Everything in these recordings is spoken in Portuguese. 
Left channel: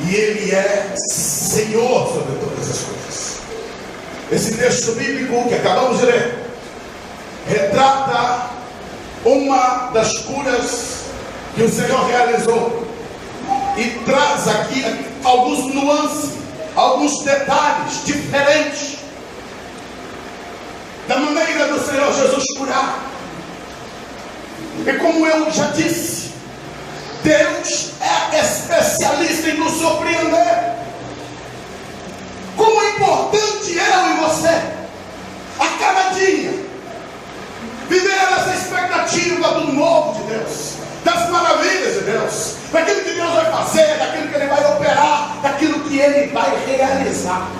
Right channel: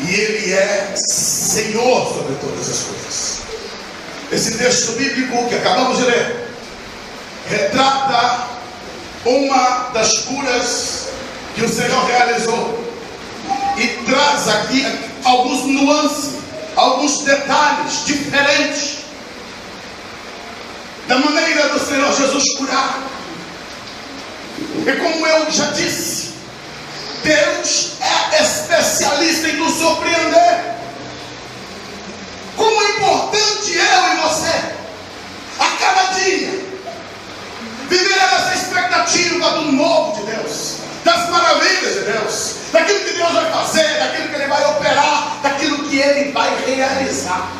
e Ele é Senhor sobre todas as coisas. Esse texto bíblico que acabamos de ler retrata uma das curas que o Senhor realizou e traz aqui alguns nuances, alguns detalhes diferentes da maneira do Senhor Jesus curar. E como eu já disse, Deus é especialista em nos surpreender. Como é importante eu e você, a cada dia, viver essa expectativa do novo de Deus, das maravilhas de Deus, daquilo que Deus vai fazer, daquilo que Ele vai operar, daquilo que Ele vai realizar.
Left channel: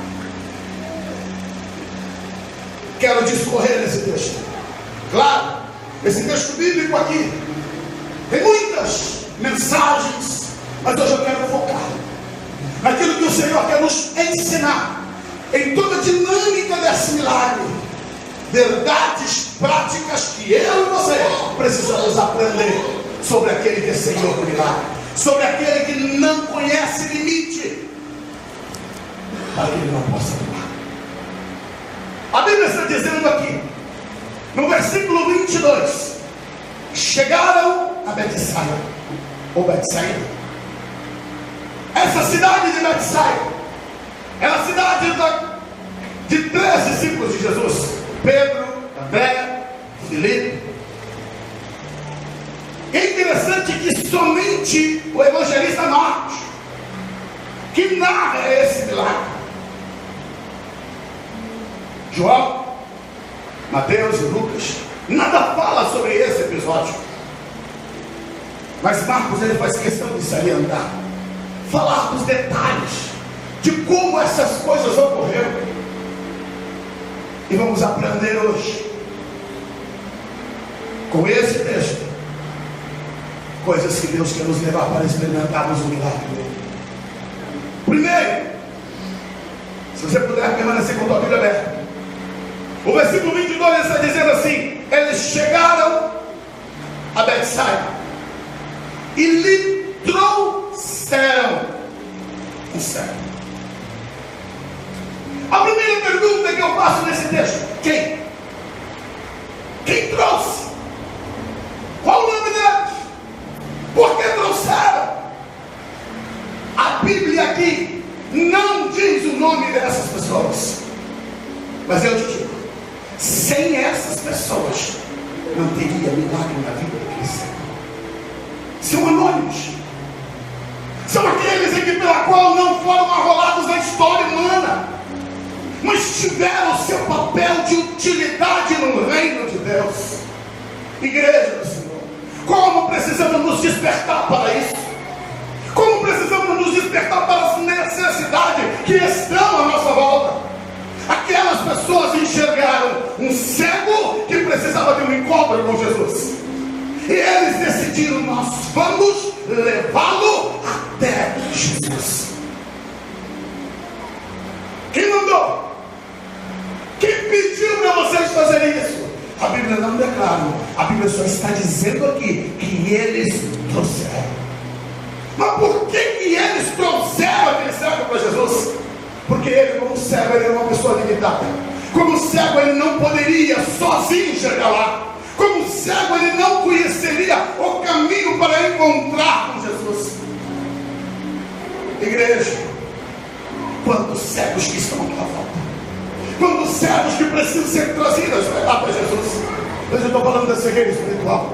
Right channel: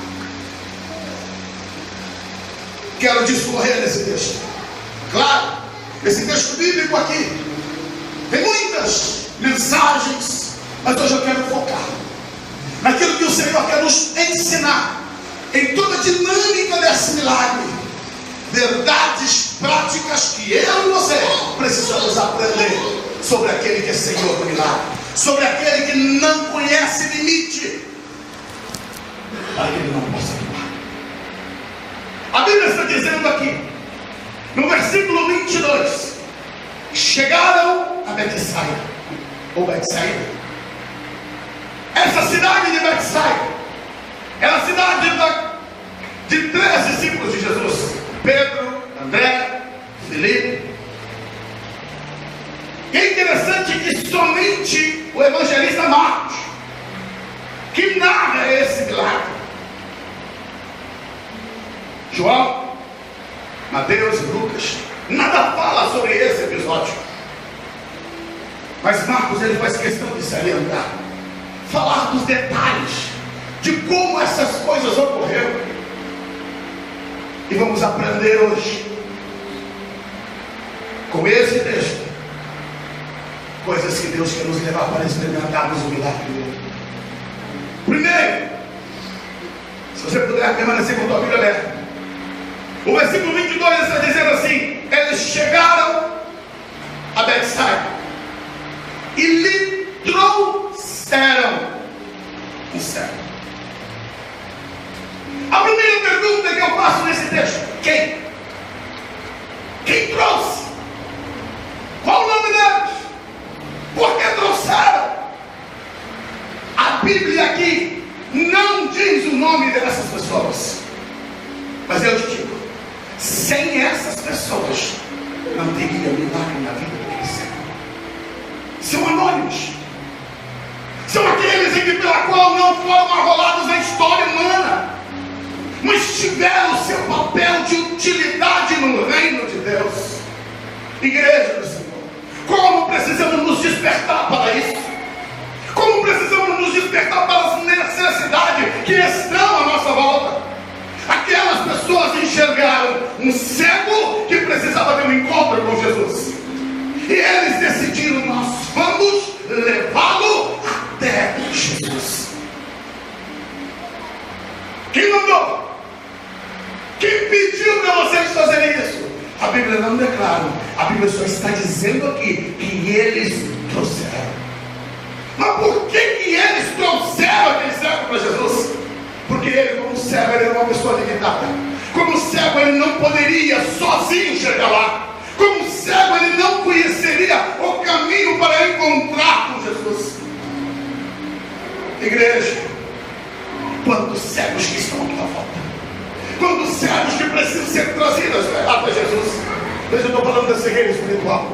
Quero discorrer nesse texto. Claro, esse texto bíblico aqui tem muitas mensagens, mas hoje eu quero focar naquilo que o Senhor quer nos ensinar, em toda a dinâmica desse milagre. Verdades práticas que eu e você precisamos aprender sobre aquele que é Senhor do milagre, sobre aquele que não conhece limite, para que Ele não possa atuar. A Bíblia está dizendo aqui, no versículo 22, chegaram a Betsaida, ou Betsaida. Essa cidade de Betsaida era a cidade de 3 discípulos de Jesus: Pedro, André, Filipe. E é interessante que somente o evangelista Marcos, que narra esse milagre, João, Mateus e Lucas, nada fala sobre esse episódio. Mas Marcos, ele faz questão de salientar, falar dos detalhes de como essas coisas ocorreram. E vamos aprender hoje, com esse texto, coisas que Deus quer nos levar para experimentarmos o milagre dele. Primeiro, se você puder permanecer com a tua Bíblia aberta, o versículo 22 está dizendo assim: eles chegaram a Betsaida e lhe trouxeram um cego. A primeira pergunta que eu faço nesse texto: quem? Quem trouxe? Qual o nome deles? Por que trouxeram? A Bíblia aqui não diz o nome dessas pessoas, mas eu te digo, sem essas pessoas não teria milagre na vida daquele cego. São anônimos, são aqueles em que pela qual não foram arrolados na história humana, mas tiveram o seu papel de utilidade no reino de Deus. Igreja do Senhor, como precisamos nos despertar para isso? Como precisamos nos despertar para as necessidades que estão à nossa volta? Aquelas pessoas enxergaram um cego que precisava ter um encontro com Jesus, e eles decidiram: nós vamos levá-lo até Jesus. Quem mandou? Quem pediu para vocês fazerem isso? A Bíblia não declara, a Bíblia só está dizendo aqui que eles trouxeram. Mas por que eles trouxeram aquele cego para Jesus? Porque ele, como cego, ele era uma pessoa limitada. Como cego, ele não poderia sozinho chegar lá. Como cego, ele não conheceria o caminho para encontrar com Jesus. Igreja, quantos cegos que estão à tua volta? Quantos cegos que precisam ser trazidos até Jesus? Mas eu estou falando da cegueira espiritual,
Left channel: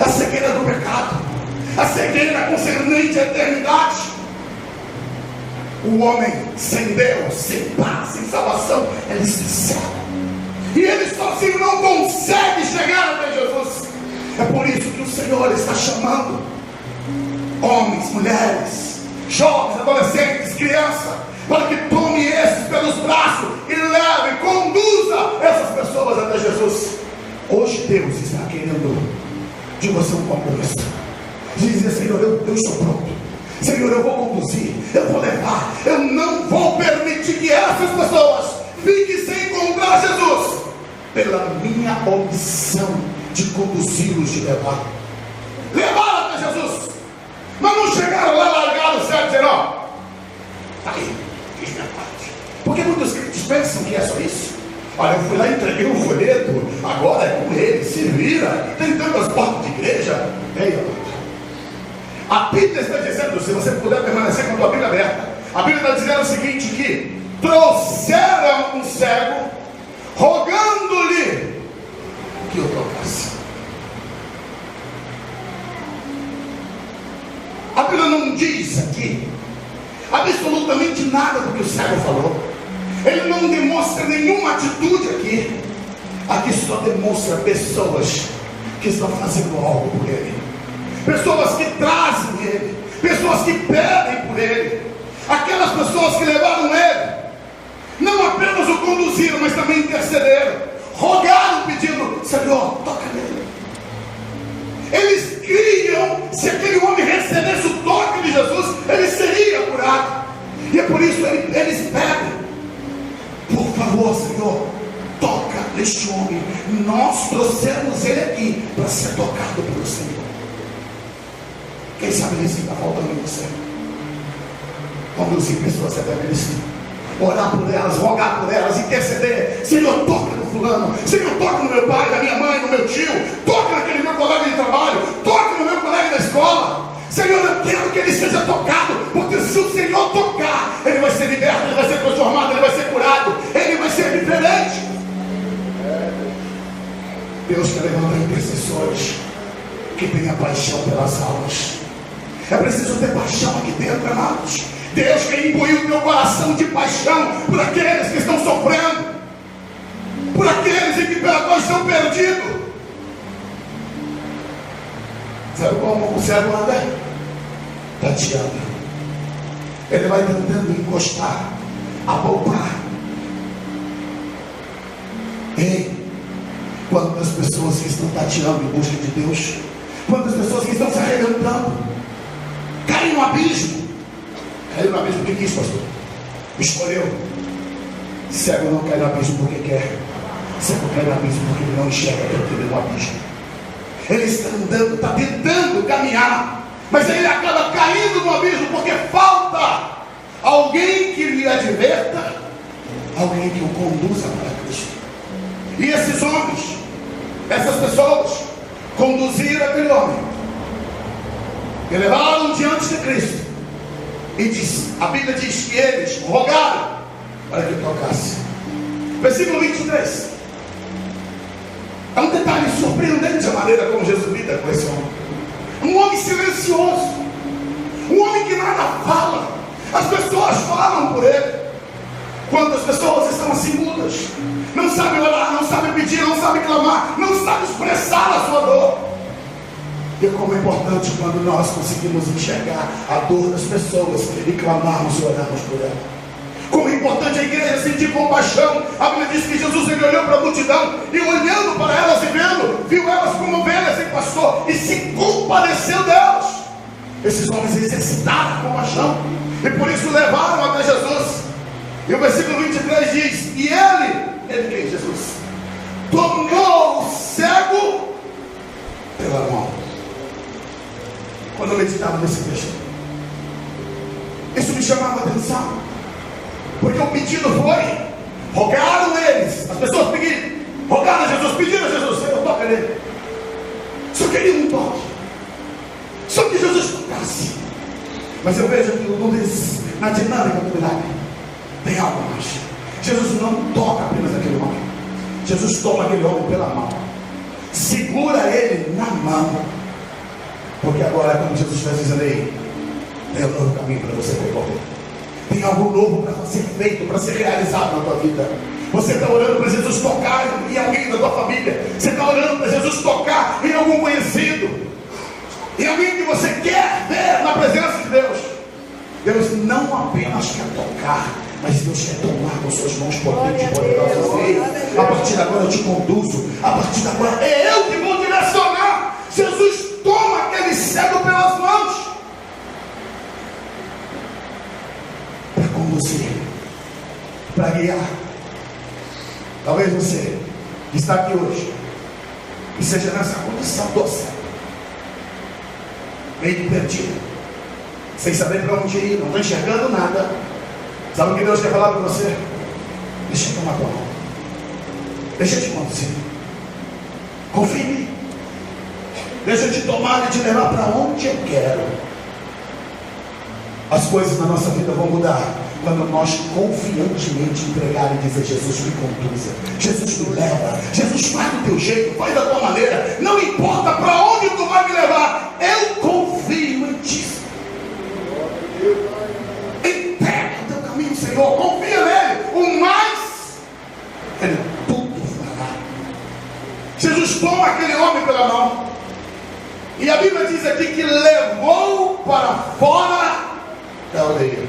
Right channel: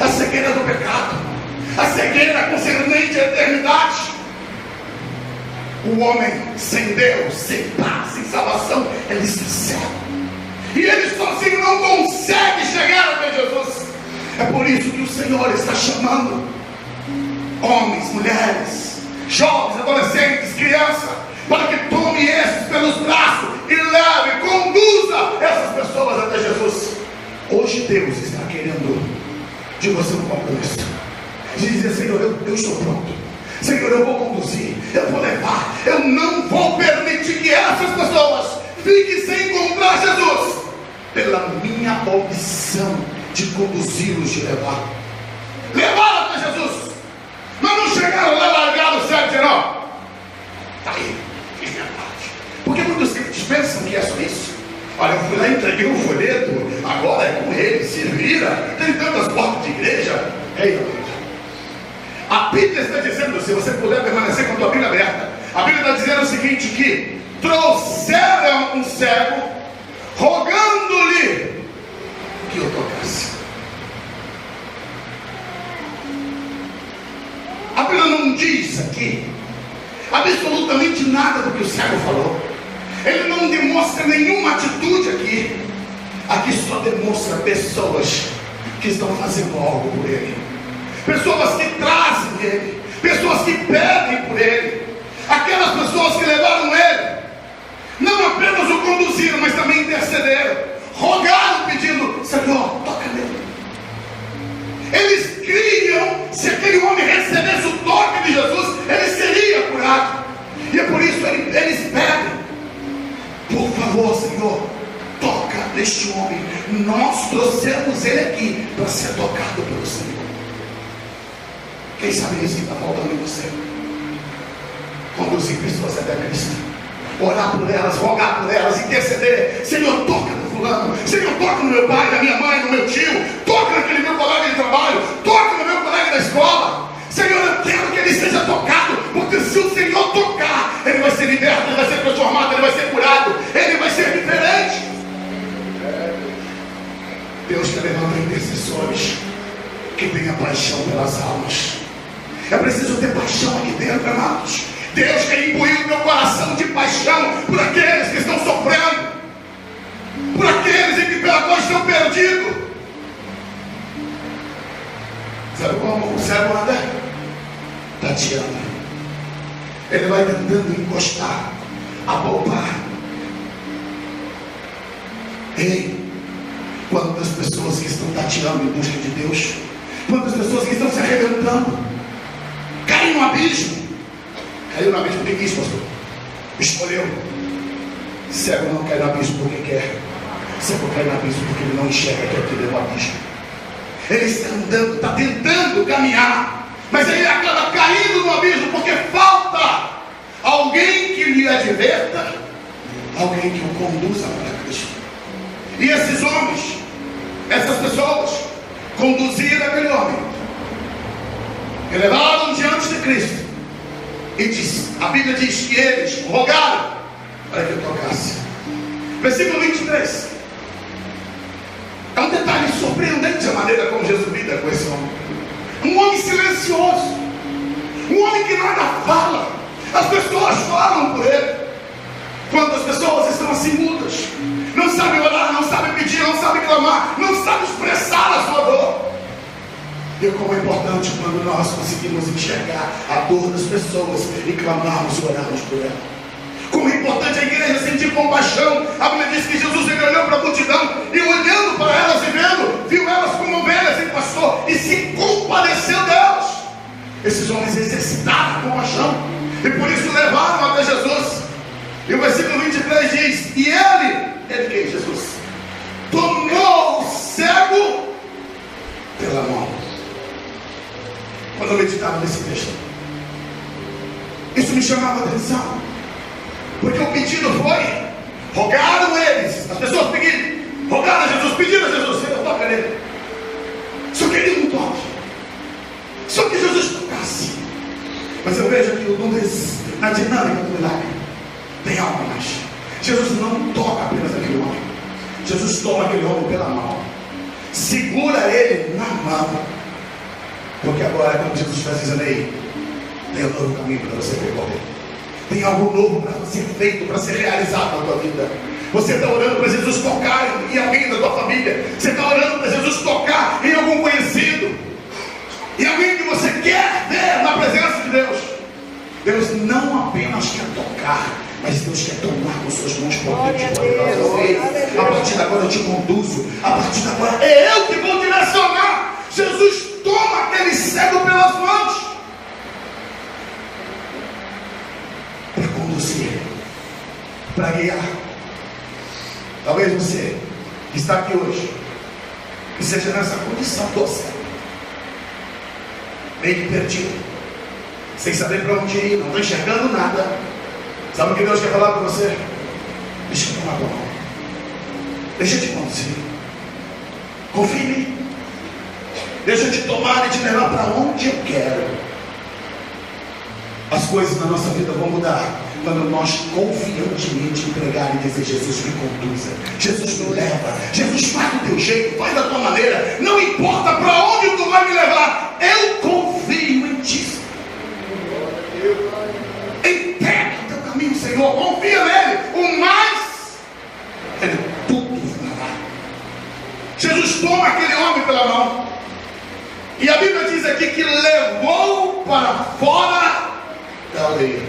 a cegueira do pecado, a cegueira concernente à eternidade. O homem sem Deus, sem paz, sem salvação, ele está cego, e ele sozinho não consegue chegar até Jesus. É por isso que o Senhor está chamando homens, mulheres, jovens, adolescentes, crianças, para que tome esses pelos braços e leve, conduza essas pessoas até Jesus. Hoje Deus está querendo de você um compromisso, de dizer: Senhor, eu estou pronto. Senhor, eu vou conduzir, eu vou levar, eu não vou permitir que essas pessoas fiquem sem encontrar Jesus, pela minha opção de conduzi-los, de levar até Jesus. Mas não chegaram lá largados, certo? Não. peguei um folheto, agora é com ele, se vira, tem tantas portas de igreja. Ei, a Bíblia está dizendo, se você puder permanecer com a tua Bíblia aberta, a Bíblia está dizendo o seguinte, que trouxeram um cego, rogando-lhe que o tocasse. A Bíblia não diz aqui absolutamente nada do que o cego falou. Ele não demonstra nenhuma atitude aqui. Aqui só demonstra pessoas que estão fazendo algo por ele, pessoas que trazem ele, pessoas que pedem por ele, aquelas pessoas que levaram ele, não apenas o conduziram, mas também intercederam, rogaram pedindo: Senhor, toca nele. Eles criam, se aquele homem recebesse o toque de Jesus, ele seria curado. E é por isso eles pedem: por favor, Senhor, toca neste homem. Nós trouxemos ele aqui para ser tocado pelo Senhor. Quem sabe isso que está faltando em você? Conduzir pessoas até Cristo, orar por elas, rogar por elas, interceder. Senhor, toca no fulano. Senhor, toca no meu pai, na minha mãe, no meu tio. Toca naquele meu colega de trabalho. Toca no meu colega da escola. Senhor, eu quero que ele seja tocado, porque se o Senhor tocar, ele vai ser liberto, ele vai ser transformado, ele vai ser curado, ele vai ser diferente. Deus quer levantar intercessores que tenham paixão pelas almas. É preciso ter paixão aqui dentro, amados. Deus quer imbuir o teu coração de paixão por aqueles que estão sofrendo, por aqueles em que pela qual estão perdidos. Sabe como o cego anda? Tateando. Ele vai tentando encostar, apalpar. Ei, quantas pessoas que estão tateando em busca de Deus, quantas pessoas que estão se arrebentando, caem no abismo. Caiu no abismo porque quis, pastor. Escolheu. Cego não cai no abismo porque quer. Cego cai no abismo porque ele não enxerga que aquilo é o abismo. Ele está andando, está tentando caminhar, mas ele acaba caindo no abismo porque falta alguém que lhe adverta, alguém que o conduza para Cristo. E esses homens, essas pessoas, conduziram aquele homem, e levaram diante de Cristo. E a Bíblia diz que eles rogaram para que ele tocasse. Versículo 23. É um detalhe surpreendente a maneira como Jesus lida com esse homem. Um homem silencioso, um homem que nada fala. As pessoas falam por ele. Quantas pessoas estão assim mudas, não sabem orar, não sabem pedir, não sabem clamar, não sabem expressar a sua dor. E como é importante quando nós conseguimos enxergar a dor das pessoas e clamarmos e orarmos por ela. Como é importante a igreja sentir compaixão. A Bíblia diz que Jesus ele olhou para a multidão e olhando para elas e vendo, viu elas como ovelhas sem pastor e se compadeceu delas. Esses homens exercitaram a compaixão e por isso levaram até Jesus. E o versículo 23 diz: e ele quem? Jesus tomou o cego pela mão. Quando eu meditava nesse texto, isso me chamava a atenção, porque o pedido foi: rogaram eles, as pessoas pediram, rogaram a Jesus, pediram a Jesus: Senhor, toca nele. Só queria um toque, só que Jesus tocasse. Mas eu vejo aqui na dinâmica do milagre tem algo mais. Jesus não toca apenas aquele homem, Jesus toma aquele homem pela mão, segura ele na mão, porque agora, como Jesus está dizendo aí, tem um novo caminho para você percorrer, tem algo novo para ser feito, para ser realizado na tua vida. Você está orando para Jesus tocar em alguém da tua família, você está orando para Jesus tocar em algum conhecido, em alguém que você quer ver na presença de Deus. Deus não apenas quer tocar, mas Deus quer tomar com suas mãos potentes e poderosas. A partir de agora eu te conduzo, a partir de agora é eu que vou direcionar. Jesus toma aquele cego pelas mãos para conduzir, para guiar. Talvez você que está aqui hoje e seja nessa condição do cego, meio que perdido, sem saber para onde ir, não está enxergando nada. Sabe o que Deus quer falar para você? Deixa eu tomar tua mão. Deixa eu te conduzir. Confia em mim. Deixa eu te tomar e te levar para onde eu quero. As coisas na nossa vida vão mudar quando nós confiantemente entregar e dizer: Jesus me conduza, Jesus me leva, Jesus faz do teu jeito, faz da tua maneira, não importa para onde tu vai me levar, eu confio em ti. Entrega o teu caminho, Senhor, confia nele, o mais ele tudo fará. Jesus toma aquele homem pela mão, e a Bíblia diz aqui que levou para fora da aldeia,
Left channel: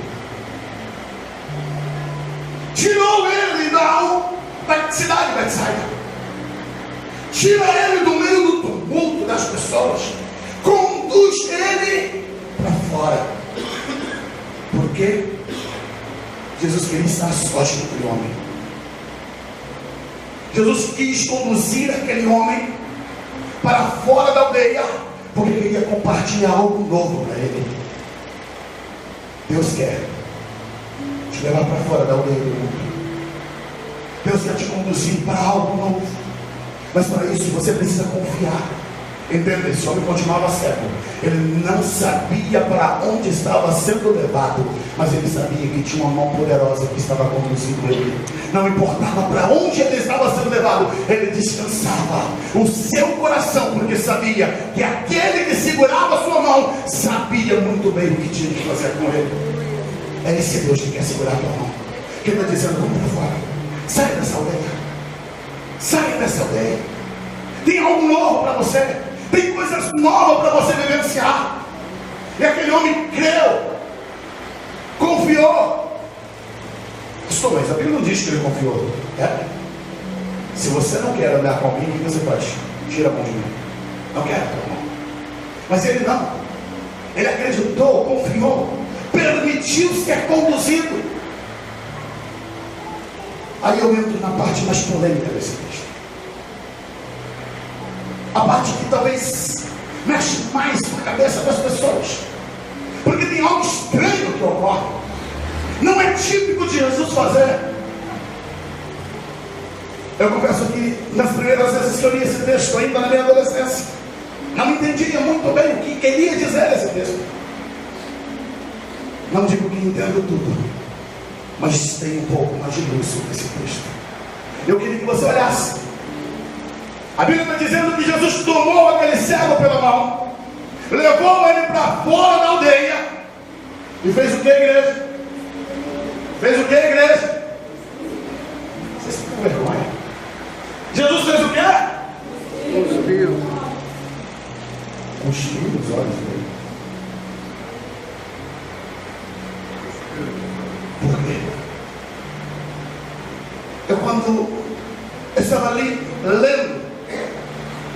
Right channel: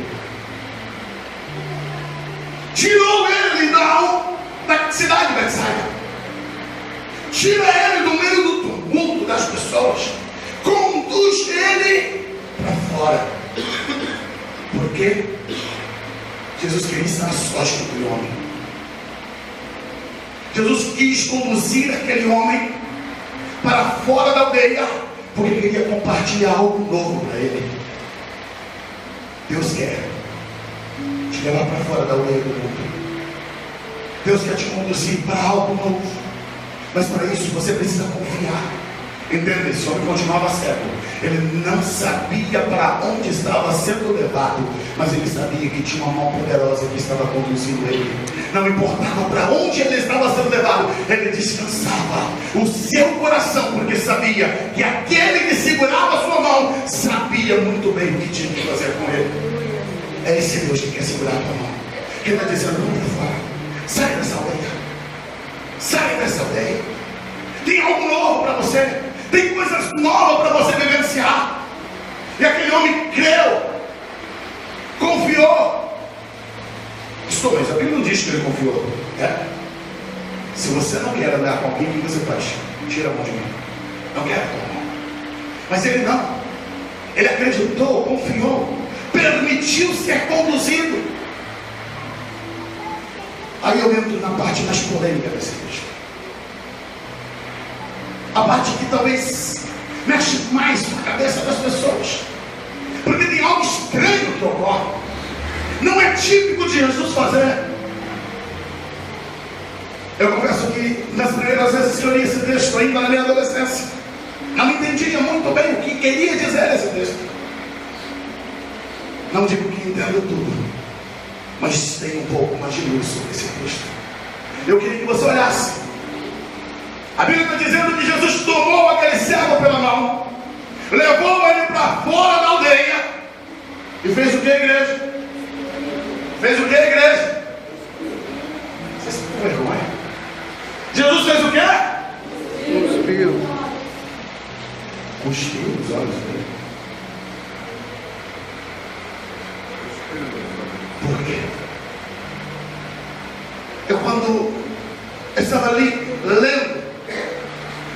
tirou ele da cidade de Betsaida, tira ele do meio do tumulto das pessoas, conduz ele para fora. Por quê? Jesus queria estar sós com aquele homem. Jesus quis conduzir aquele homem para fora da aldeia, porque queria compartilhar algo novo para ele. Deus quer te levar para fora da aldeia do mundo. Deus quer te conduzir para algo novo, mas para isso você precisa confiar. Entenda, esse homem continuava cego. Ele não sabia para onde estava sendo levado, mas ele sabia que tinha uma mão poderosa que estava conduzindo ele. Não importava para onde ele estava sendo levado, ele descansava o seu coração, porque sabia que aquele que segurava a sua mão sabia muito bem o que tinha que fazer com ele. É esse Deus que quer segurar a tua mão, que está dizendo: vamos para fora, sai dessa aldeia, sai dessa aldeia. Tem algo novo para você, tem coisas novas para você vivenciar. E aquele homem creu, confiou. Mas a Bíblia não diz que ele confiou. Se você não quer andar com alguém, o que você faz? Tira a mão de mim. Não quero. Mas ele não. Ele acreditou, confiou, permitiu ser conduzido. Aí eu entro na parte mais polêmica desse texto, a parte que talvez mexe mais com a cabeça das pessoas, porque tem algo estranho que ocorre. Não é típico de Jesus fazer. Eu confesso que nas primeiras vezes que eu li esse texto, ainda na minha adolescência, não entendia muito bem o que queria dizer esse texto. Não digo que entendo tudo, mas tem um pouco mais de luz sobre esse texto. Eu queria que você olhasse. A Bíblia está dizendo que Jesus tomou aquele cego pela mão, levou ele para fora da aldeia e fez o que, igreja? Fez o que, igreja? Vocês estão com vergonha? Jesus fez o que? Cuspiu. Cuspiu os olhos dele. Por quê? Eu quando estava ali lendo,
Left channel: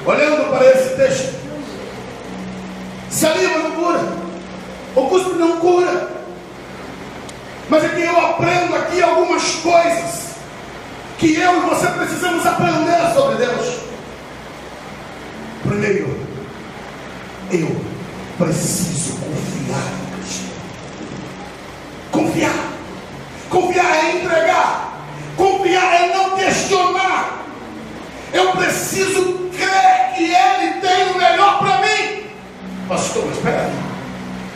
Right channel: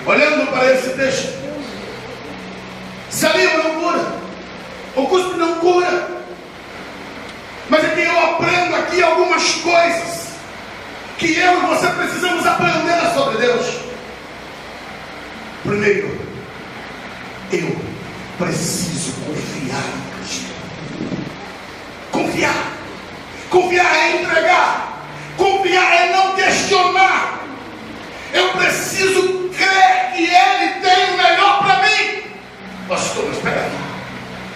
olhando para esse texto, saliva não cura, o cuspe não cura. Mas é que eu aprendo aqui algumas coisas que eu e você precisamos aprender sobre Deus. Primeiro, eu preciso confiar em Cristo. Confiar. Confiar é entregar. Confiar é não questionar. Eu preciso crer que Ele tem o melhor para mim. Pastor, mas espera aí.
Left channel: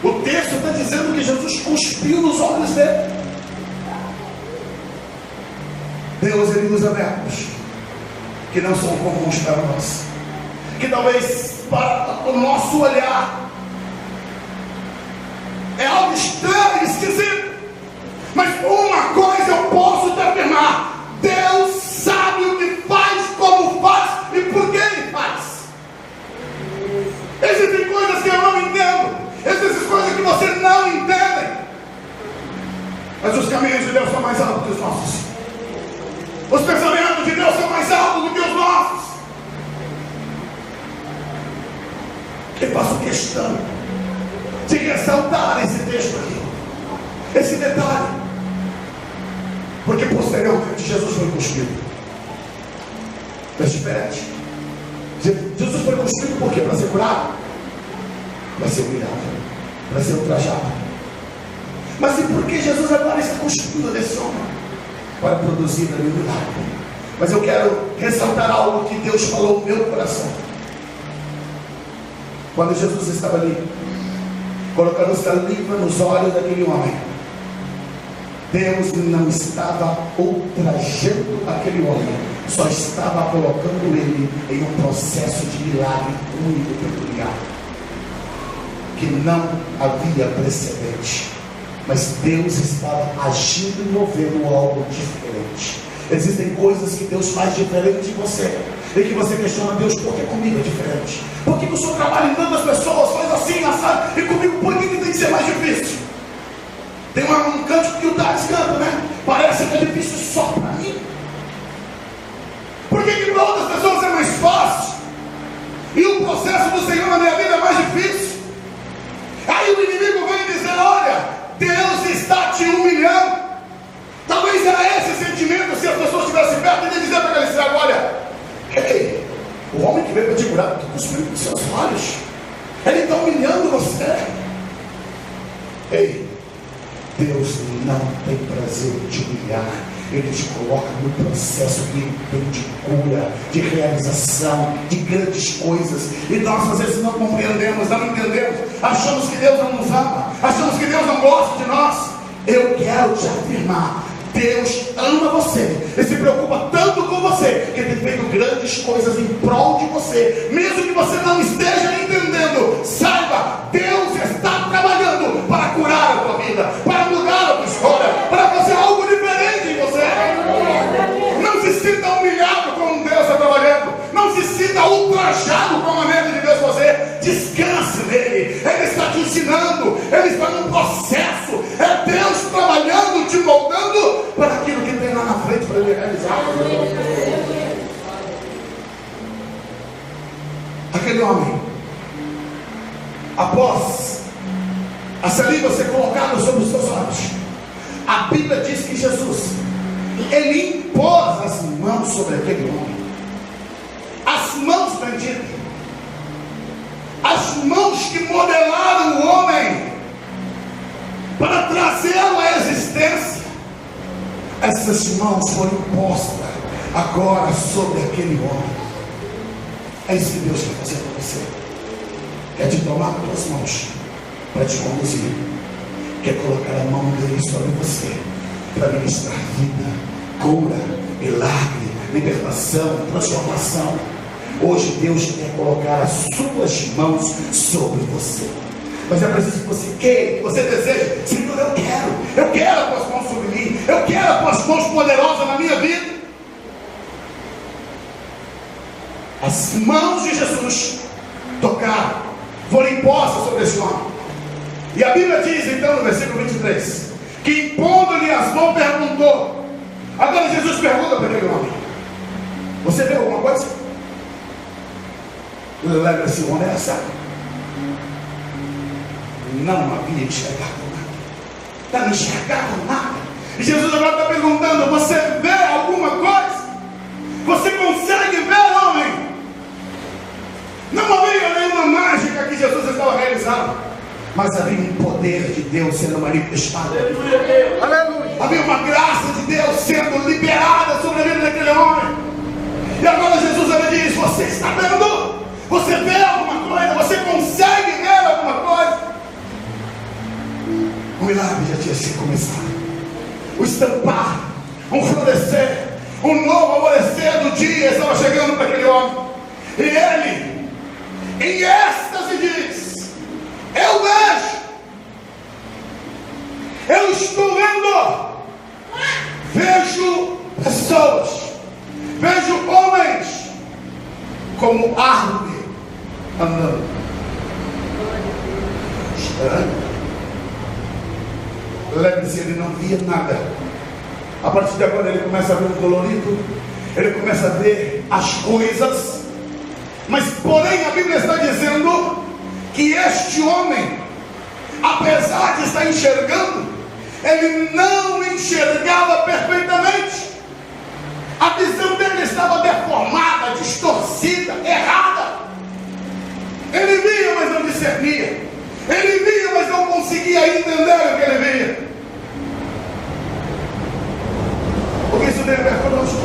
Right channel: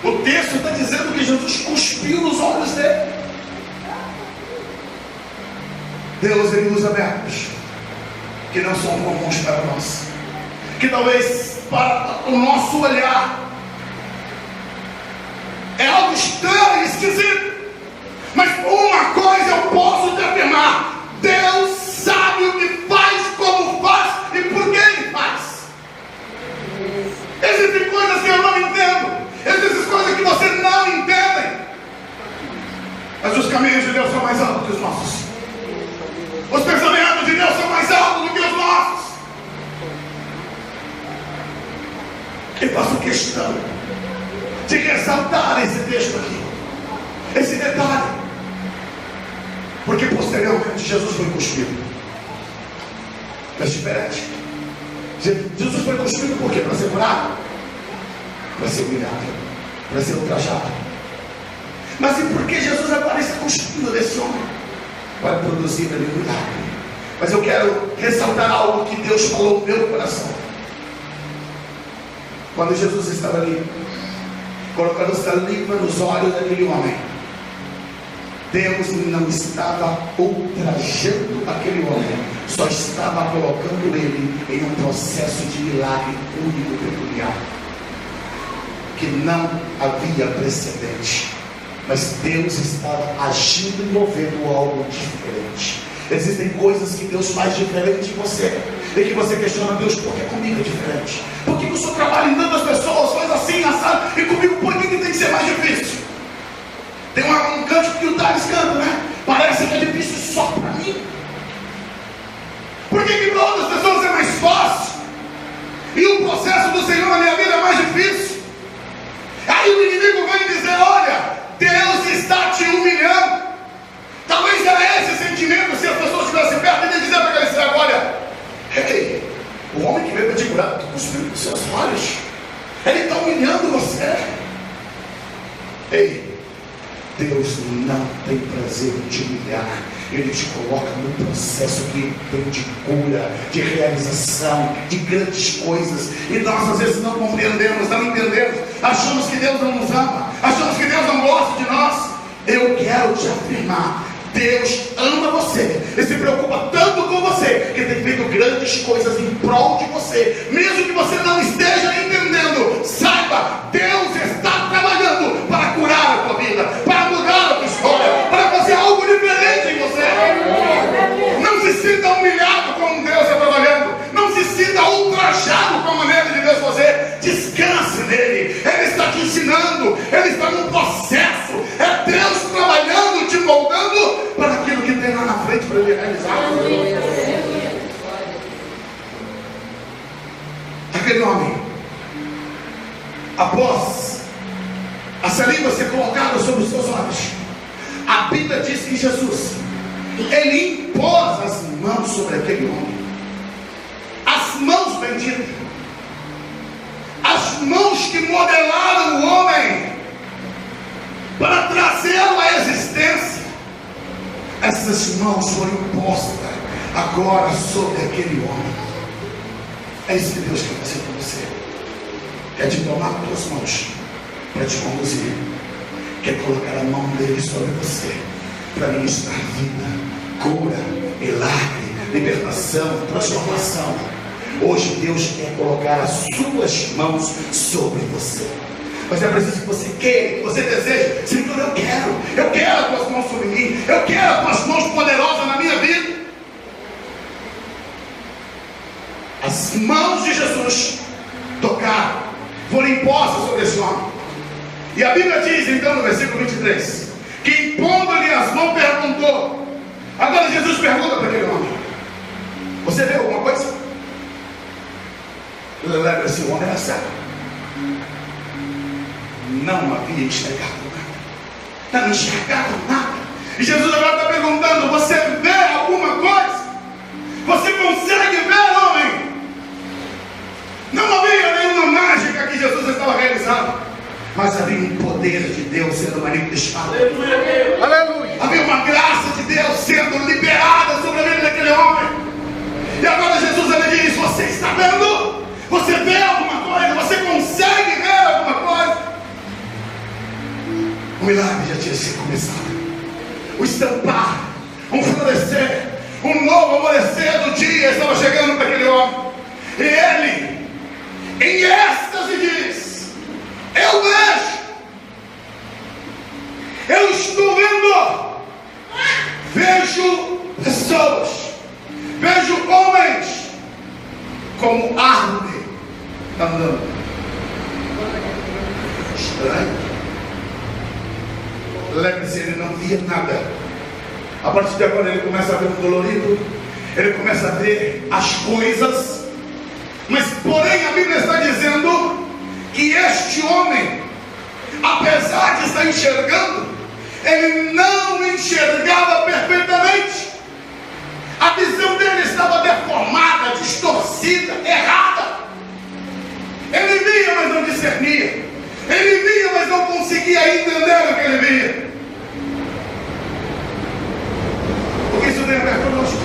O texto está dizendo que Jesus cuspiu nos olhos dele. Deus, Ele usa verbos que não são comuns para nós, que talvez para o nosso olhar é algo estranho, esquisito, mas uma coisa eu posso te afirmar: Deus sabe o que faz, como faz e por que Ele faz. Existem coisas que eu não entendo, existem coisas que você não entende, mas os caminhos de Deus são mais altos que os nossos. Os pensamentos de Deus são mais altos do que os nossos. Eu faço questão de ressaltar esse texto aqui, esse detalhe, porque posteriormente Jesus foi cuspido. Mas diferente. Jesus foi cuspido por quê? Para ser curado? Para ser humilhado, para ser ultrajado. Mas e por que Jesus agora está cuspindo desse homem? Para produzir ali um milagre, Mas eu quero ressaltar algo que Deus falou no meu coração. Quando Jesus estava ali, colocando saliva nos olhos daquele homem, Deus não estava ultrajando aquele homem, só estava colocando ele em um processo de milagre único e peculiar, que não havia precedente. Mas Deus estava agindo e movendo algo diferente. Existem coisas que Deus faz diferente em você, e que você questiona: Deus, por que comigo é diferente? Por que o Senhor trabalha em tantas pessoas, faz assim, assado, e comigo por que tem que ser mais difícil? Tem um canto que o Thales canta, né? Parece que é difícil só para mim. Por que para outras pessoas é mais fácil, e o processo do Senhor na minha vida é mais difícil? Aí o inimigo vem dizer: olha, Deus está te humilhando. Talvez era esse sentimento, se as pessoas estivessem perto, e dizer para aquele cego: olha, ei, o homem que veio para te curar, está cuspindo dos seus olhos, ele está humilhando você. Ei, Deus não tem prazer em te humilhar. Ele te coloca num processo que tem de cura, de realização, de grandes coisas. E nós às vezes não compreendemos, não entendemos. Achamos que Deus não nos ama, achamos que Deus não gosta de nós. Eu quero te afirmar: Deus ama você e se preocupa tanto com você, que tem feito grandes coisas em prol de você, mesmo que você não esteja entendendo. Saiba, Deus está trabalhando para curar a tua vida, para mudar a tua história, para fazer algo diferente em você. Não se sinta humilhado como Deus está trabalhando, não se sinta ultrajado com a maneira de Deus fazer. Descanse nele, ele está te ensinando, ele está num processo. É Deus trabalhando, te moldando para aquilo que tem lá na frente para ele realizar. Aquele homem, após a saliva ser colocada sobre os seus olhos, a Bíblia diz que Jesus, ele impôs as mãos sobre aquele homem. As mãos benditas, as mãos que modelaram o homem para trazê-lo à existência. Essas mãos foram impostas agora sobre aquele homem. É isso que Deus quer fazer com você. Quer te tomar pelas mãos para te conduzir. Quer colocar a mão dele sobre você para ministrar vida, cura, milagre, libertação, transformação. Hoje Deus quer colocar as suas mãos sobre você. Mas é preciso que você queira, que você deseje. Senhor, eu quero as tuas mãos sobre mim, eu quero as tuas mãos poderosas na minha vida. As mãos de Jesus tocaram, foram impostas sobre esse homem. E a Bíblia diz então no versículo 23, que impondo-lhe as mãos perguntou. Agora Jesus pergunta para aquele homem: você vê alguma coisa? Lembra-se, o homem era cego, não havia enxergado nada, não enxergado nada. E Jesus agora está perguntando: você vê alguma coisa? Você consegue ver, homem? Não havia nenhuma mágica que Jesus estava realizando, mas havia um poder de Deus sendo manifestado. Aleluia. Havia uma graça de Deus sendo liberada sobre a vida daquele homem. E agora Jesus lhe diz: você está vendo? Você vê alguma coisa? Você consegue ver alguma coisa? O milagre já tinha sido começado. O estampar, um florescer, um novo amanhecer do dia estava chegando para aquele homem. E ele, em êxtase, diz: eu vejo, eu estou vendo, vejo pessoas, vejo homens como árvore andando. Estranho. Lembre-se, ele não via nada. A partir de agora ele começa a ver o colorido, ele começa a ver as coisas. Mas porém a Bíblia está dizendo que este homem, apesar de estar enxergando, ele não enxergava perfeitamente. A visão dele estava deformada, distorcida, errada. Ele via, mas não discernia. Ele via, mas não conseguia entender o que ele via. Porque isso tem a ver conosco.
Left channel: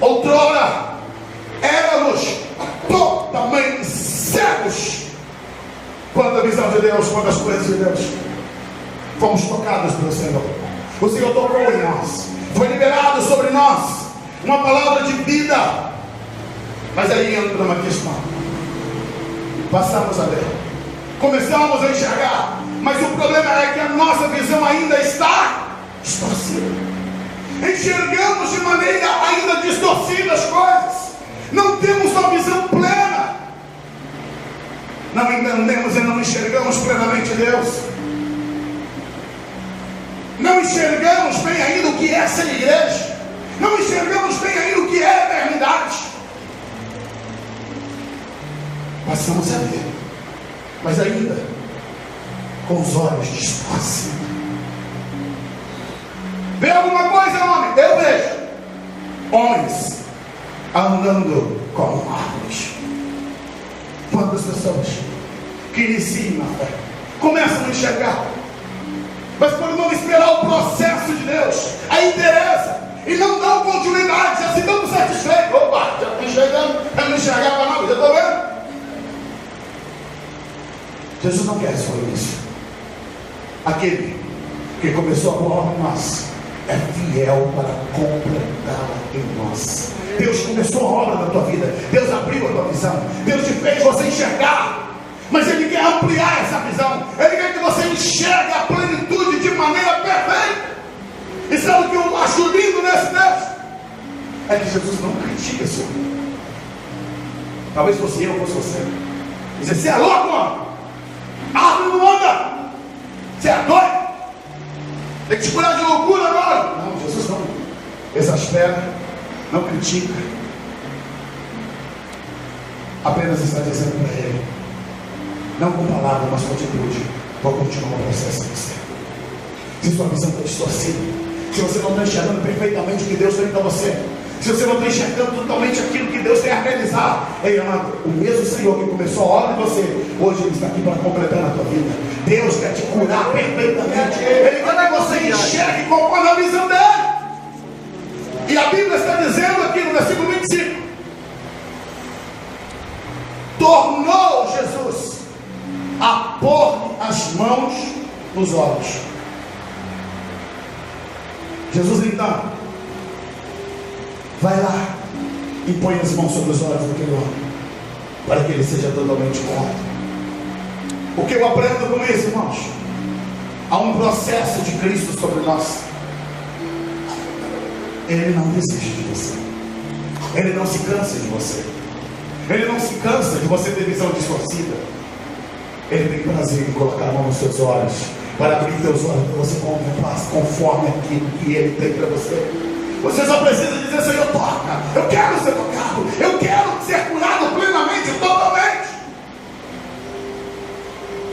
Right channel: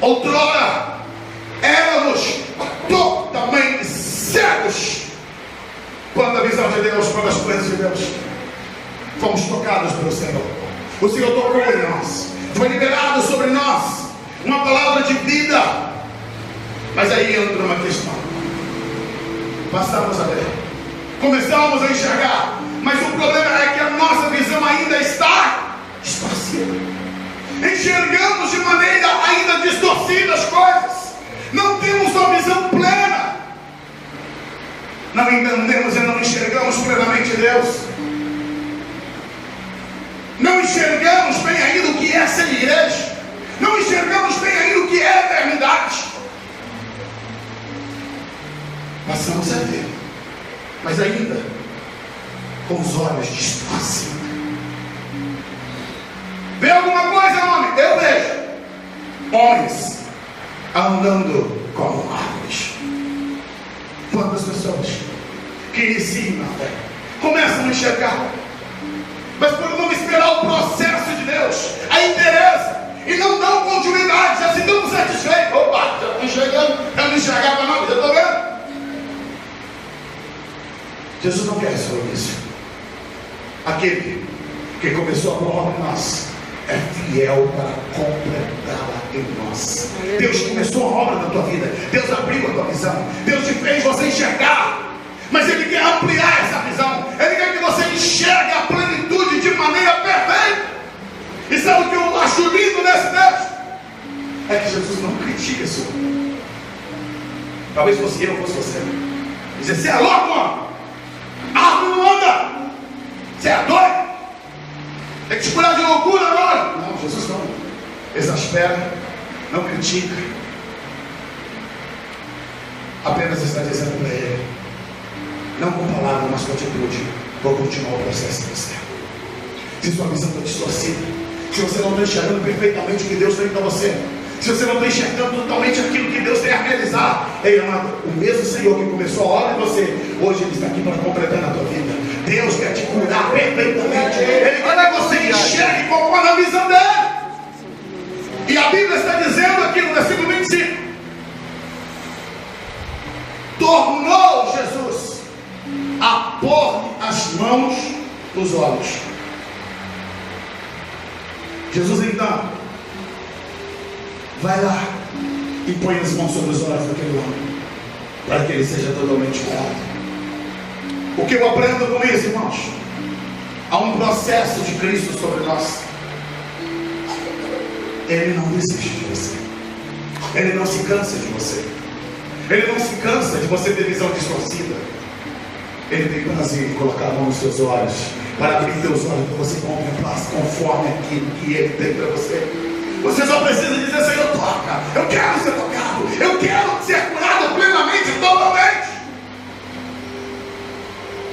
Outrora éramos totalmente cegos quando a visão de Deus, quando as coisas de Deus. Fomos tocados pelo Senhor. O Senhor tocou em nós. Foi liberado sobre nós uma palavra de vida. Mas aí entra uma questão. Passamos a ver. Começamos a enxergar. Mas o problema é que a nossa visão ainda está distorcida. Enxergamos de maneira ainda distorcida as coisas. Não temos uma visão plena. Não entendemos e não enxergamos plenamente Deus. Não enxergamos bem ainda o que é ser igreja. Não enxergamos bem ainda o que é eternidade. Passamos a ver, mas ainda com os olhos distorcidos. Vê alguma coisa, homem? Eu vejo homens andando como árvores. Quantas pessoas que iniciam na fé começam a enxergar, mas por não esperar o processo de Deus, a interessa, e não dão continuidade, já se dão satisfeitos. Opa, já estou enxergando, eu não enxergava nada, já estou vendo. Jesus não quer só isso. Aquele que começou a boa obra em nós é fiel para completá-la em nós. Deus começou a obra na tua vida. Deus abriu a tua visão. Deus te fez você enxergar. Mas Ele quer ampliar essa visão. Ele quer que você enxergue a plenitude de maneira perfeita. E sabe o que eu acho lindo nesse texto? É que Jesus não critica isso. Talvez fosse eu, fosse você. Dizer, você é louco, mano. A árvore não anda. Você é doido. Tem que te curar de loucura agora. Não, Jesus não exaspera, não critica. Apenas está dizendo para ele, não com palavra, mas com atitude, vou continuar o processo em você. Se sua visão está distorcida, se você não está enxergando perfeitamente o que Deus tem para você, se você não está enxergando totalmente aquilo que Deus tem a realizar, ei, amado, o mesmo Senhor que começou a obra em você, hoje Ele está aqui para completar na tua vida. Deus quer te curar perfeitamente. Ele quer que você enxergue conforme a visão dele. E a Bíblia está dizendo aqui no versículo 25: tornou Jesus a pôr as mãos nos olhos. Jesus então vai lá e põe as mãos sobre os olhos daquele homem, para que ele seja totalmente curado. O que eu aprendo com isso, irmãos? Há um processo de Cristo sobre nós. Ele não desiste de você. Ele não se cansa de você. Ele não se cansa de você ter visão distorcida. Ele tem prazer em colocar a mão nos seus olhos, para abrir teus olhos, para você contemplar conforme aquilo que Ele tem para você. Você só precisa dizer, Senhor, toca. Eu quero ser tocado. Eu quero ser curado plenamente, totalmente.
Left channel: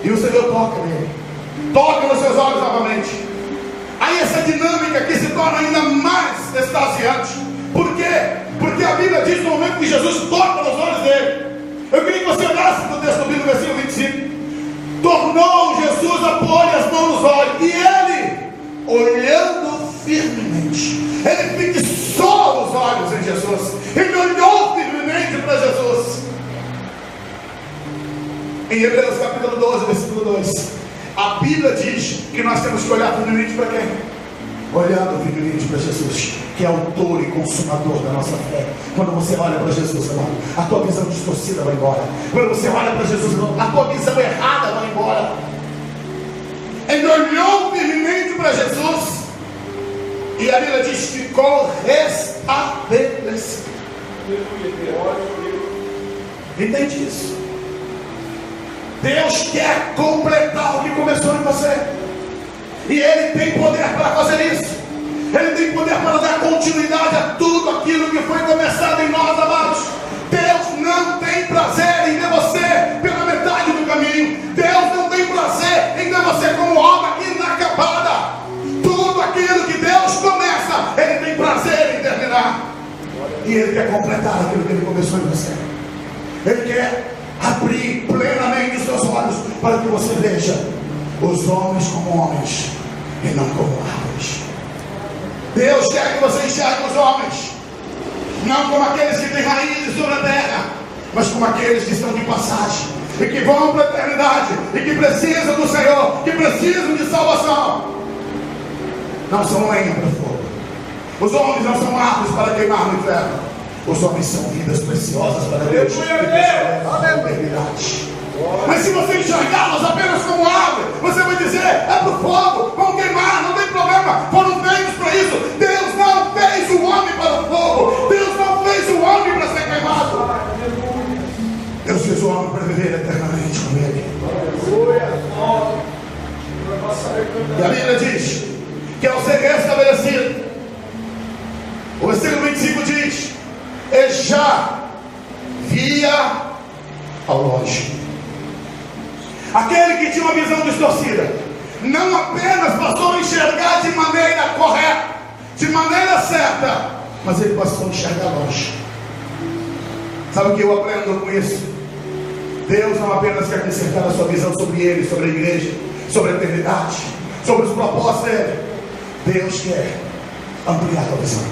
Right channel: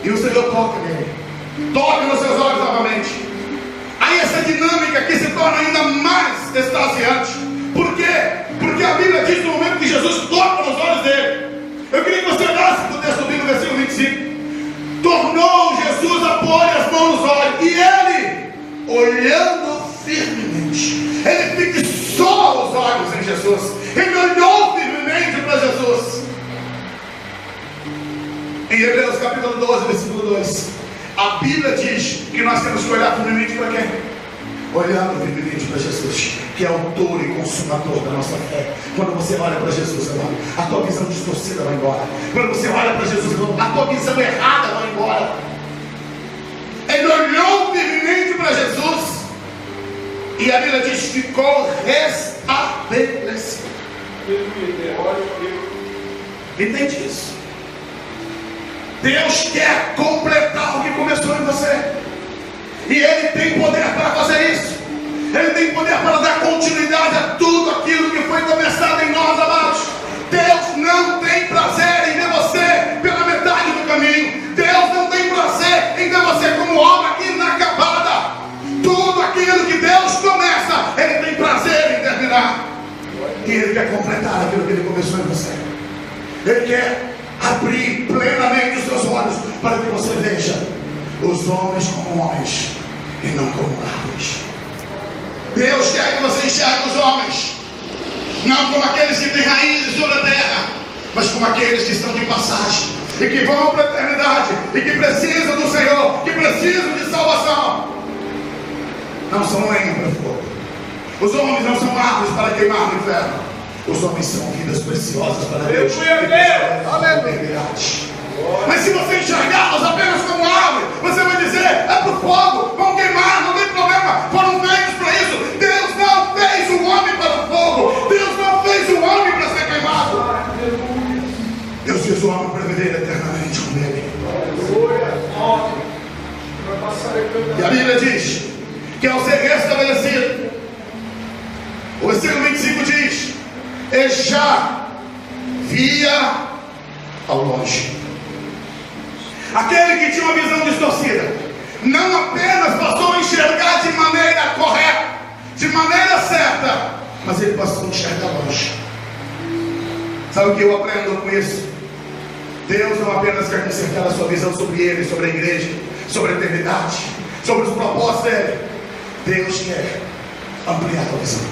E o Senhor toca nele. Toca nos seus olhos novamente. Aí essa dinâmica que se torna ainda mais extasiante. Por quê? Porque a Bíblia diz no momento que Jesus toca nos olhos dele. Eu queria que você olhasse para o texto bíblico, versículo 25. Tornou Jesus a pôr as mãos nos olhos. E ele, olhando firmemente, ele fixou os olhos em Jesus. Ele olhou firmemente para Jesus. Em Hebreus capítulo 12, versículo 2, a Bíblia diz que nós temos que olhar firmemente para quem? Olhando firmemente para Jesus, que é autor e consumador da nossa fé. Quando você olha para Jesus, irmão, a tua visão distorcida vai embora. Quando você olha para Jesus, irmão, a tua visão errada vai embora. Ele olhou firmemente para Jesus, e a Bíblia diz que ficou restabelecido. Entende isso? Deus quer completar o que começou em você, e Ele tem poder para fazer isso. Ele tem poder para dar continuidade a tudo aquilo que foi começado em nós, amados. Deus não tem prazer em ver você pela metade do caminho. Deus não tem prazer em ver você como obra inacabada. Tudo aquilo que Deus começa, Ele tem prazer em terminar. E Ele quer completar aquilo que Ele começou em você. Ele quer abrir plenamente os seus olhos, para que você veja os homens como homens e não como árvores. Deus quer que você enxergue os homens não como aqueles que têm raízes sobre a terra, mas como aqueles que estão de passagem e que vão para a eternidade e que precisam do Senhor, que precisam de salvação. Não são lenha para fogo. Os homens não são árvores para queimar no inferno. Os homens são vidas preciosas para Deus. Mas se você enxergá-los apenas como árvore, você vai dizer: é para o fogo, vão queimar, não tem problema, foram feitos para isso. Deus não fez o homem para o fogo, Deus não fez o homem para ser queimado. Deus fez o homem para viver eternamente com Ele. E a Bíblia diz que ao ser restabelecido, o versículo 25 diz: e já via ao longe. Aquele que tinha uma visão distorcida, não apenas passou a enxergar de maneira correta, de maneira certa, mas ele passou a enxergar longe. Sabe o que eu aprendo com isso? Deus não apenas quer consertar a sua visão sobre Ele, sobre a igreja, sobre a eternidade, sobre os propósitos dele. Deus quer ampliar a tua visão.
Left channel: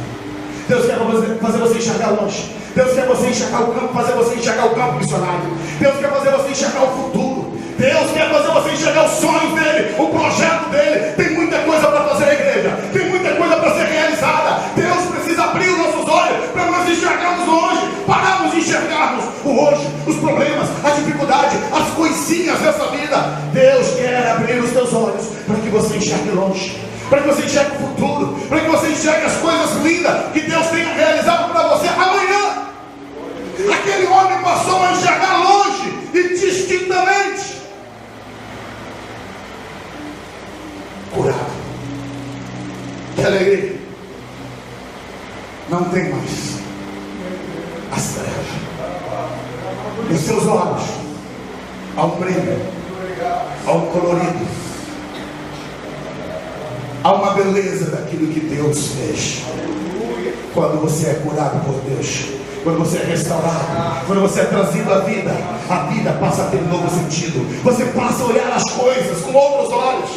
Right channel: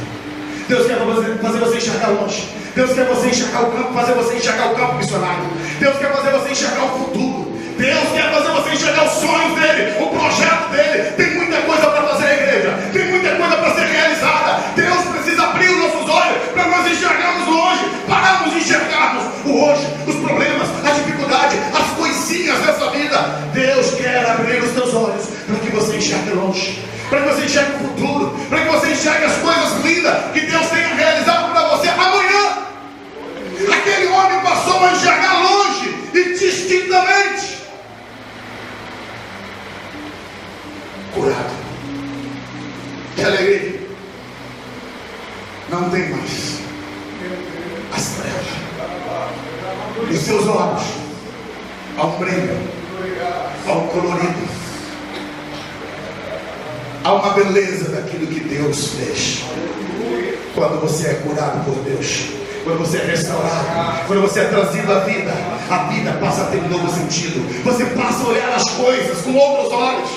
Deus quer fazer você enxergar longe. Deus quer você enxergar o campo, fazer você enxergar o campo missionário. Deus quer fazer você enxergar o futuro. Deus quer fazer você enxergar os sonhos dele, o projeto dele. Tem muita coisa para fazer a igreja, tem muita coisa para ser realizada. Deus precisa abrir os nossos olhos para nós enxergarmos longe, pararmos de enxergarmos o hoje, os problemas, a dificuldade, as coisinhas dessa vida. Deus quer abrir os teus olhos para que você enxergue longe, para que você enxergue o futuro, para que você enxergue as coisas lindas que Deus tenha realizado para você amanhã. Aquele homem passou a enxergar longe e distintamente. Curado. Que alegria. Não tem mais as trevas. Nos seus olhos há um brilho, há um colorido, há uma beleza daquilo que Deus fez. Quando você é curado por Deus, quando você é restaurado, quando você é trazido à vida, a vida passa a ter um novo sentido. Você passa a olhar as coisas com outros olhos.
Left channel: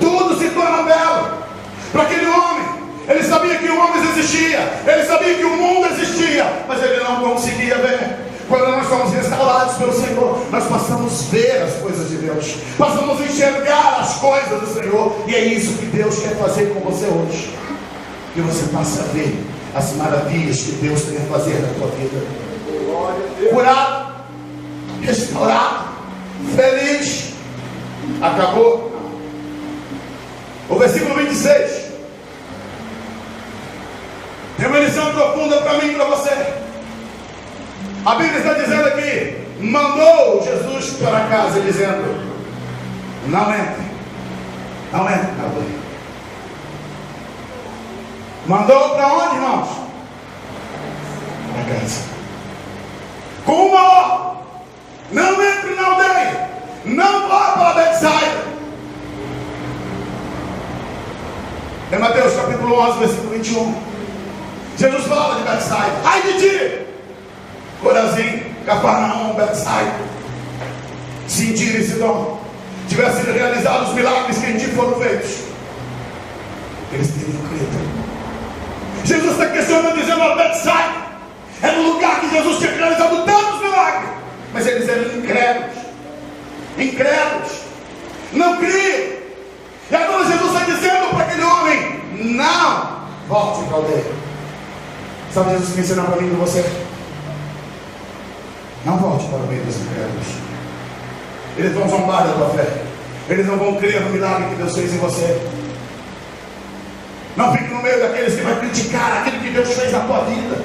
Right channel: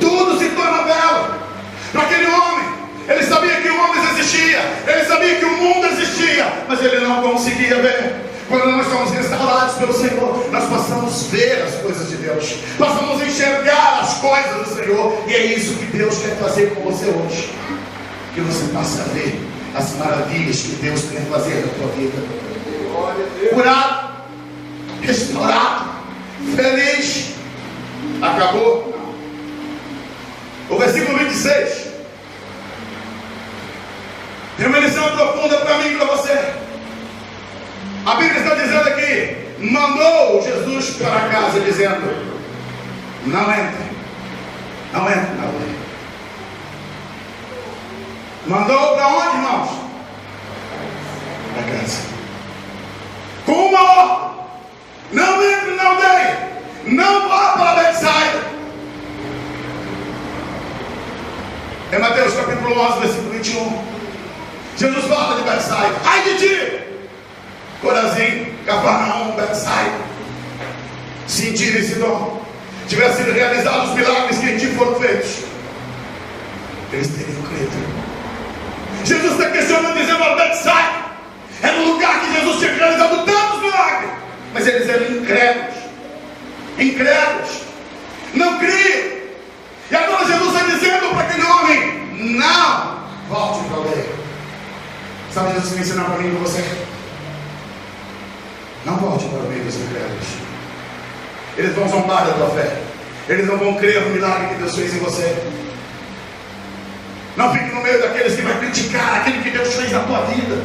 Tudo se torna belo. Para aquele homem, ele sabia que o homem existia, ele sabia que o mundo existia, mas ele não conseguia ver. Quando nós somos restaurados pelo Senhor, nós passamos a ver as coisas de Deus, passamos a enxergar as coisas do Senhor. E é isso que Deus quer fazer com você hoje, que você passe a ver as maravilhas que Deus quer fazer na tua vida. Curado, restaurado, feliz. Acabou? O versículo 26 tem uma lição profunda para mim e para você. A Bíblia está dizendo aqui: mandou Jesus para casa, dizendo: não entre, não entre na aldeia. Mandou para onde, irmãos? Para casa. Com uma ordem: não entre na aldeia, não vá para Betsaida. Em Mateus capítulo 11, versículo 21, Jesus fala de Betsaida. Ai de ti, Corazim, Cafarnaum, Betsaida, se em Tiro e Sidom tivessem sido realizados os milagres que em ti foram feitos, eles teriam crido. Jesus está questionando, dizendo: a Betsaida era um lugar que Jesus tinha realizado tantos milagres, mas eles eram incrédulos, não criam. E agora Jesus está dizendo para aquele homem: não volte para a aldeia. Sabe Jesus me ensinar para mim e para você? Não volte para o meio dos incrédulos. Eles vão zombar da tua fé, eles não vão crer no milagre que Deus fez em você. Não fique no meio daqueles que vai criticar aquilo que Deus fez na tua vida,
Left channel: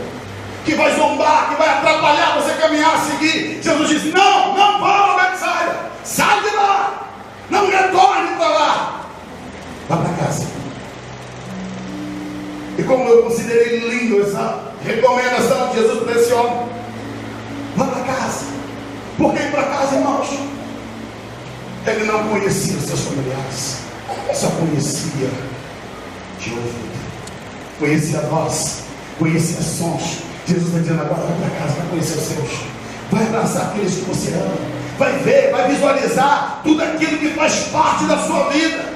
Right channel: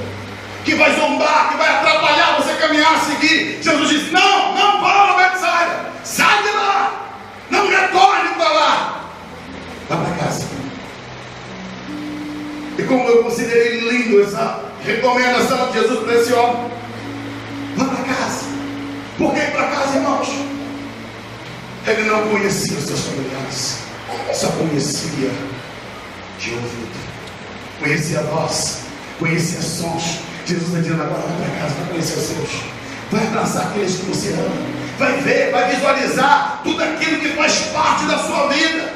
que vai zombar, que vai atrapalhar você caminhar, seguir. Jesus diz: não vá para Betsaida, sai de lá, não retorne para lá, vá para casa. E como eu considerei lindo essa recomendação de Jesus para esse homem: vá para casa. Por que ir para casa, irmãos? Ele não conhecia os seus familiares, só conhecia de ouvido, conhecia a voz, conhecia sons. Jesus está dizendo: agora vai para casa, vai conhecer os seus, vai abraçar aqueles que você ama, vai ver, vai visualizar tudo aquilo que faz parte da sua vida,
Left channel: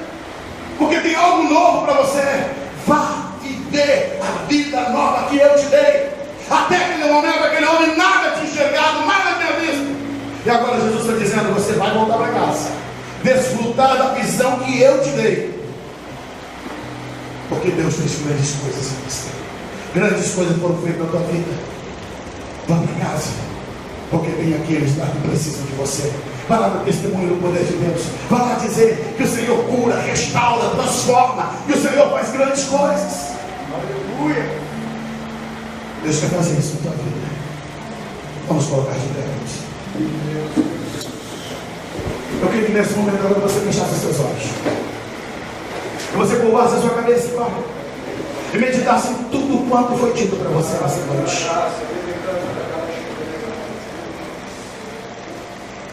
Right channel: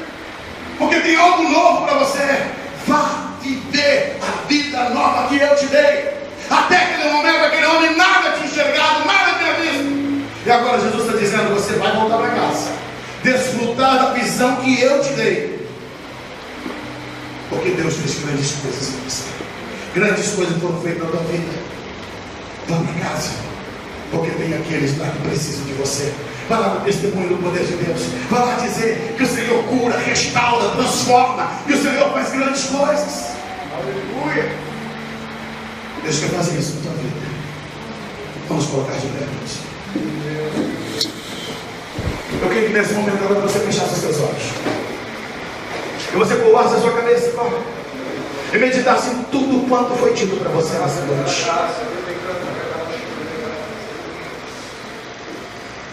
porque tem algo novo para você. Vá viver a vida nova que eu te dei. Até aquele momento, aquele homem nada tinha enxergado, nada tinha visto. E agora Jesus está dizendo: você vai voltar para casa, desfrutar da visão que eu te dei. Porque Deus fez grandes coisas para você. Grandes coisas foram feitas na tua vida. Vá para casa, porque tem aqueles lá que precisam de você. Vai lá no testemunho do poder de Deus. Vai lá dizer que o Senhor cura, restaura, transforma, que o Senhor faz grandes coisas. Aleluia. Deus quer fazer isso na tua vida. Vamos colocar de pé, Deus. Eu queria que nesse momento agora você fechasse os seus olhos, e você curvasse a sua cabeça e meditasse em tudo quanto foi dito para você nessa noite.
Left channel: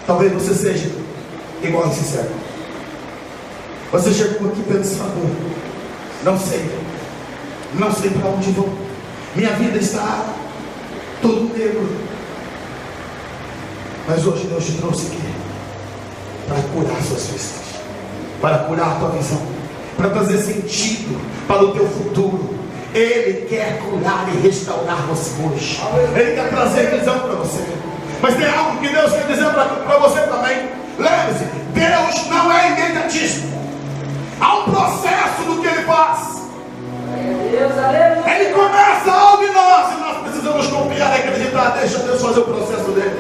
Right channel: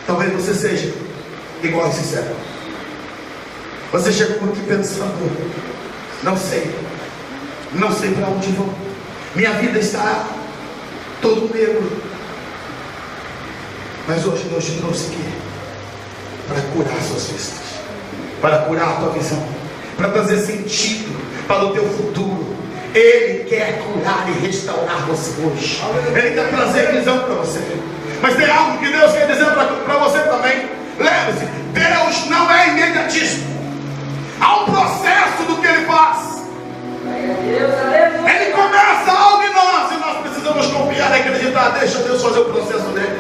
Talvez você seja igual a esse servo. Você chegou aqui pensando: não sei para onde vou, minha vida está todo negro. Mas hoje Deus te trouxe aqui para curar suas vistas, para curar a tua visão, para trazer sentido para o teu futuro. Ele quer curar e restaurar você hoje. Ele quer trazer visão para você. Mas tem algo que Deus quer dizer para você também. Lembre-se, Deus não é imediatista. Há um processo do que Ele faz. Ele começa algo em nós, e nós precisamos confiar e acreditar. Deixa Deus fazer o processo dele.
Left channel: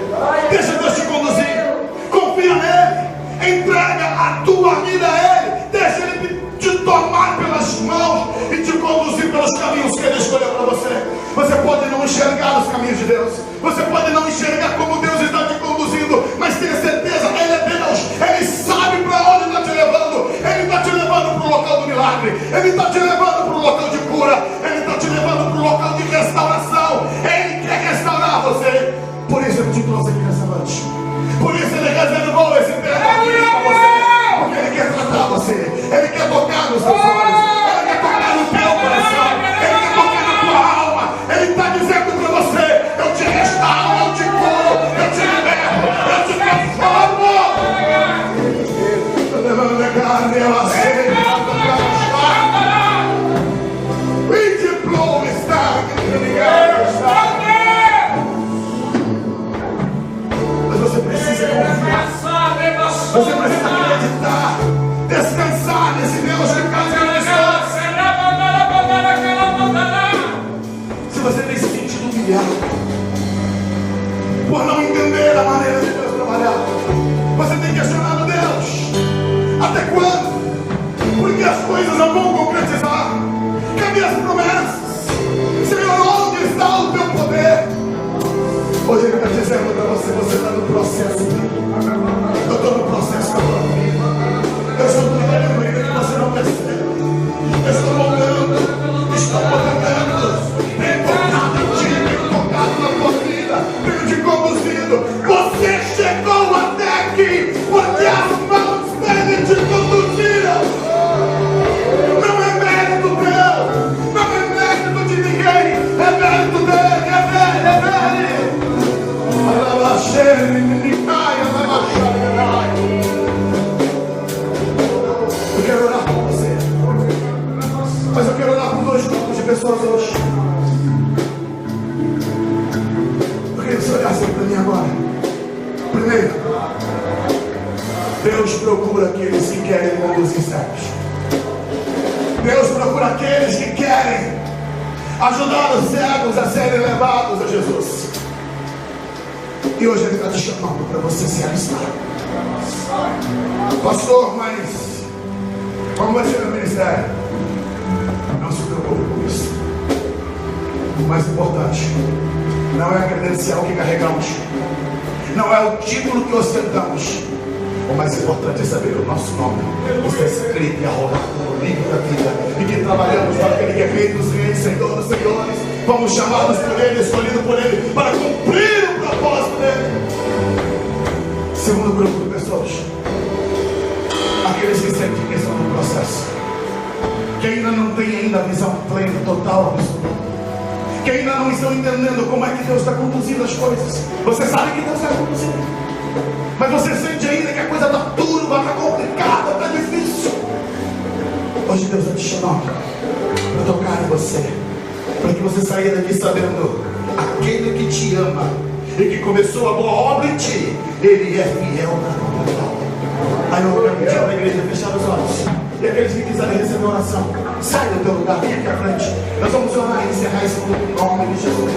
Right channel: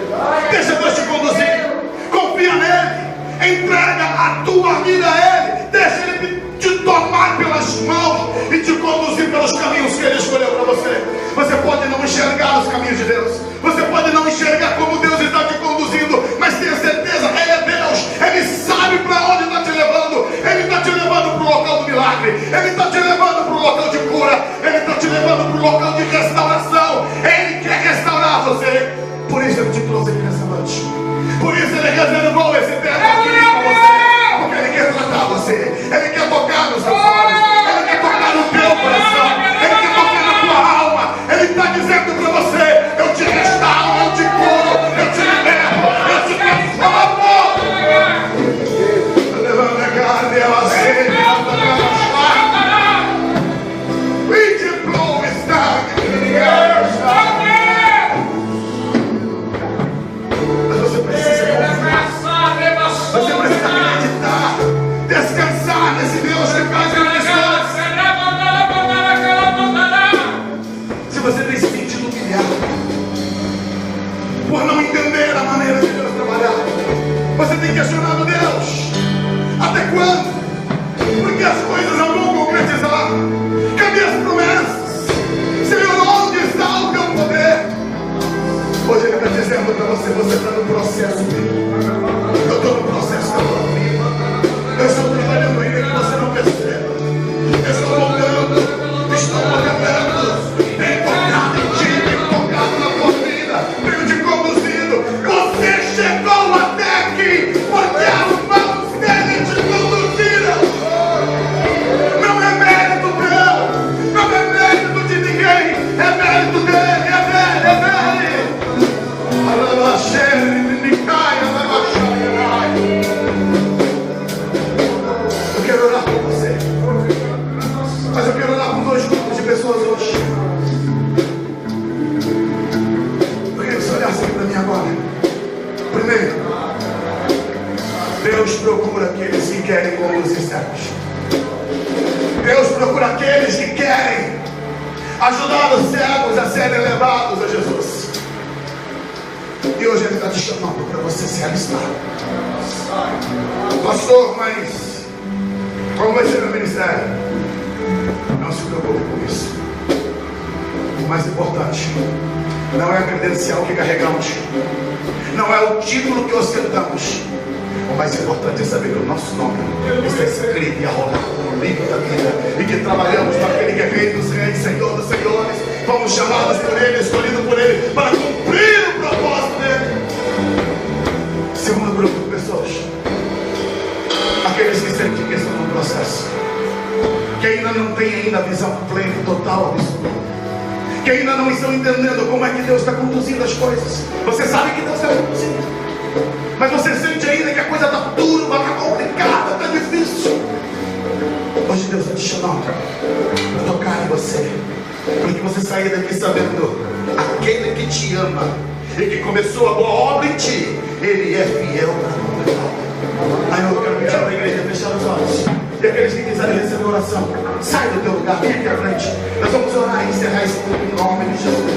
Deixa Deus te conduzir. Confia nele. Entrega a tua vida a Ele. Deixa Ele te tomar pelas mãos e te conduzir pelos caminhos que Ele escolheu para você. Você pode não enxergar os caminhos de Deus, você pode não enxergar como Deus está te conduzindo, mas tenha certeza, Ele é Deus. Ele sabe para onde está te levando. Ele está te levando para o local do milagre, Ele está te levando para o local de cura, Ele está te levando para o local de restauração. Ele quer restaurar você. Por isso Ele te trouxe aqui nessa noite. Por isso Ele reservou esse tempo aqui para você, porque Ele quer tratar você. Ele quer tocar nos seus olhos, Ele quer tocar no teu coração, Ele quer tocar na tua alma. Ele está dizendo para você: eu te restauro, eu te curo, eu te liberto, eu te transformo. Mas você precisa confiar, você precisa acreditar, descansar nesse Deus que faz grandes coisas. Se você tem se sentido humilhado por não entender a maneira de Deus trabalhar, você tem questionado Deus: até quando? Porque as coisas não vão concretizar. Cadê as promessas? Senhor, onde está o teu poder? Hoje Ele está dizendo para você: você está no processo dele. Eu estou no processo da tua vida. Eu estou trabalhando ainda que você não percebe. Eu estou lutando, estou olhando, tenho tocado em ti, tenho tocado na tua vida, tenho te conduzido. Você chegou até aqui porque as mãos dele te conduziram. Não é mérito teu, não é mérito de ninguém, é mérito dele, é dele, é dele. Eu quero orar por você, mas eu quero orar por dois grupos de pessoas hoje. Eu queria que você olhasse para mim agora. Primeiro, Deus procura aqueles que querem conduzir servos. Deus procura aqueles que querem ajudar os servos a serem levados a Jesus. E hoje Ele está te chamando para você se alistar. Pastor, mas como vai ser meu ministério? Não se preocupe com isso. O mais importante não é a credencial que carregamos, não é o título que ostentamos. O mais importante é saber que o nosso nome está escrito e arrolado no livro da vida, e que trabalhamos para aquele que é Rei dos Reis, Senhor dos Senhores. Fomos chamados por Ele, escolhidos por Ele, para cumprir o propósito dele. Segundo grupo de pessoas, aqueles que sentem que estão no processo, que ainda não têm ainda a visão plena, total, absoluta, que ainda não estão entendendo como é que Deus está conduzindo as coisas. Você sabe que Deus está conduzindo, mas você sente ainda que a coisa está turva, está complicada, está difícil. Hoje Deus está te chamando para tocar em você, para que você saia daqui sabendo aquele que te ama e que começou a boa obra em ti, ele é fiel para completar. Aí eu quero pedir para a igreja fechar os olhos. E aqueles que quiserem receber oração, sai do teu lugar, fique à frente. Nós vamos orar e encerrar esse culto em nome de Jesus.